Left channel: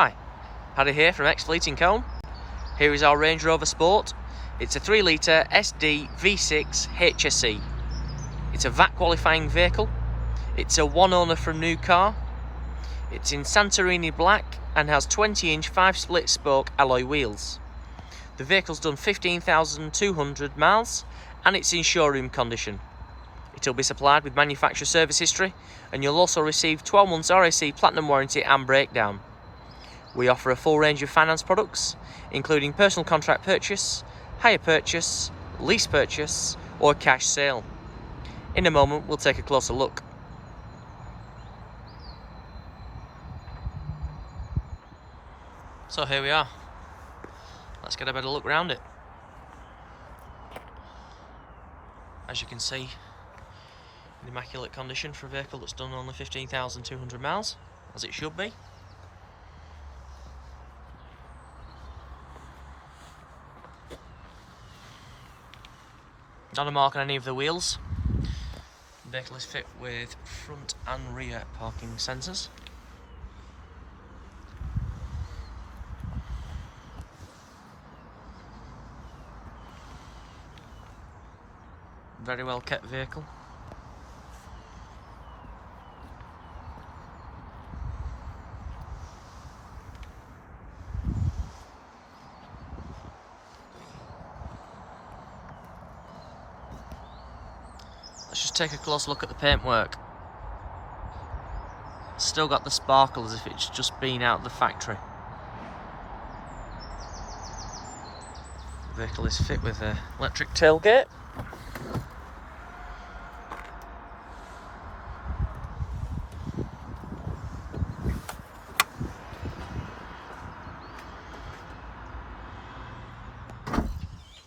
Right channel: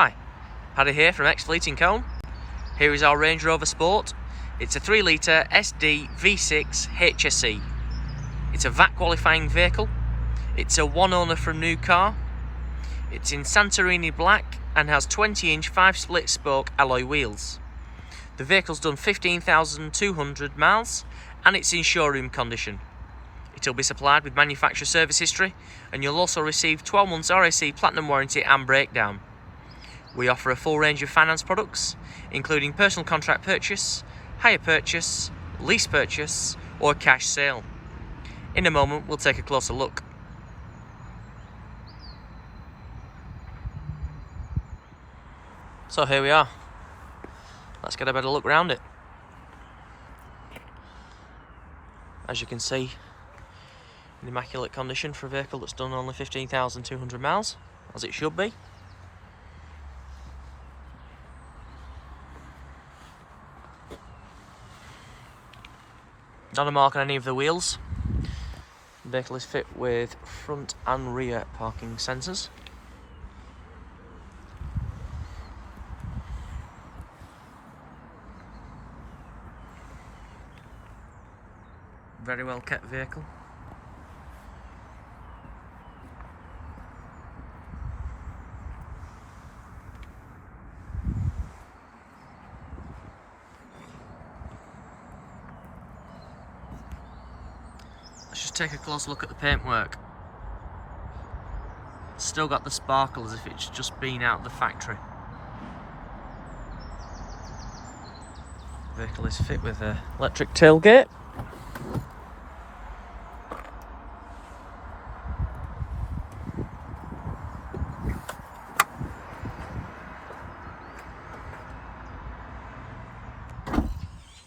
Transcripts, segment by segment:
Hi, Paddy here from XFLEET in Colne. Here is our Range Rover Sport. It's a 3 litre SD V6 HSE. It's a VAT qualifying vehicle. It's a one owner for a new car. It's in Santorini black and has 20-inch 5-split spoke alloy wheels. The vehicle's done 15,200 miles and it's in showroom condition. It'll be supplied with manufacturer service history and you'll also receive 12 months RAC Platinum warranty and breakdown. We offer a full range of finance products, including personal contract purchase, hire purchase, lease purchase, or cash sale. In a moment, we'll take a closer look. So here we are. Let's get a better look around it. As you can see, in immaculate condition for a vehicle that's done only 15,200 miles, as it should be. Not a mark on any of the wheels. The vehicle is fit with front and rear parking sensors. Very well kept vehicle. Let's just take a close look at the paintwork. Still got the sparkle as if it's just been out of the factory. The vehicle is fit with an electric tailgate.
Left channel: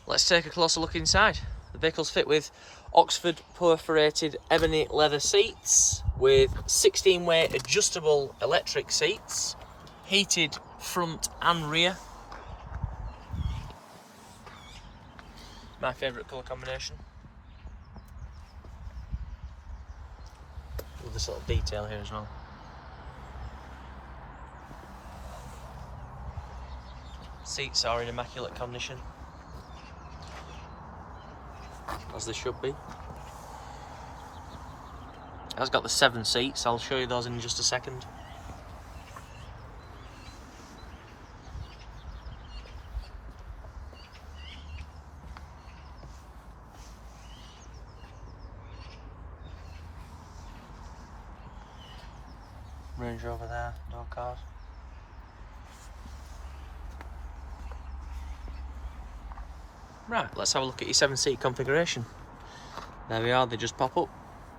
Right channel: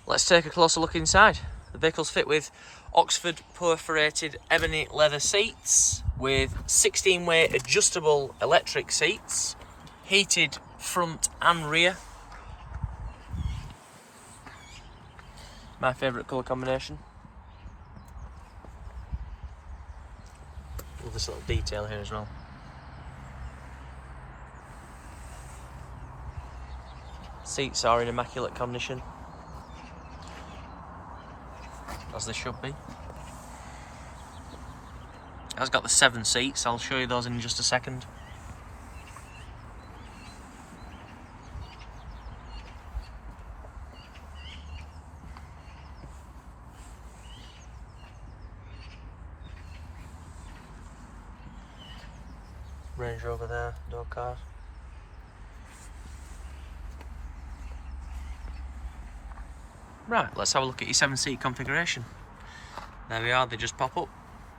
Let's take a closer look inside. The vehicle's fit with Oxford perforated ebony leather seats with 16-way adjustable electric seats, heated front and rear. My favourite colour combination. With this little detail here as well. Seats are in immaculate condition, as they should be. It has got the 7 seats, I'll show you those in just a second. Range Rover there, door card. Right, let's have a look at your 7-seat configuration. There we are, they just pop up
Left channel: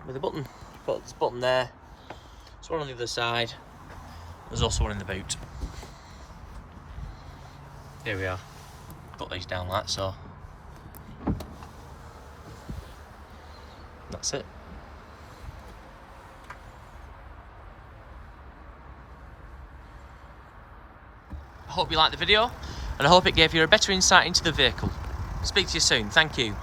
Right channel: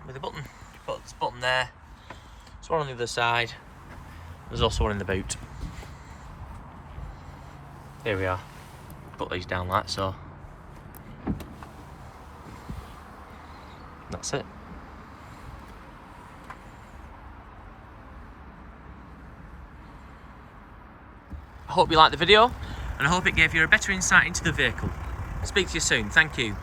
with a button. Put this button there. There's one on the other side. There's also one in the boot. Here we are. Put these down like so. That's it. I hope you liked the video and I hope it gave you a better insight into the vehicle. Speak to you soon. Thank you.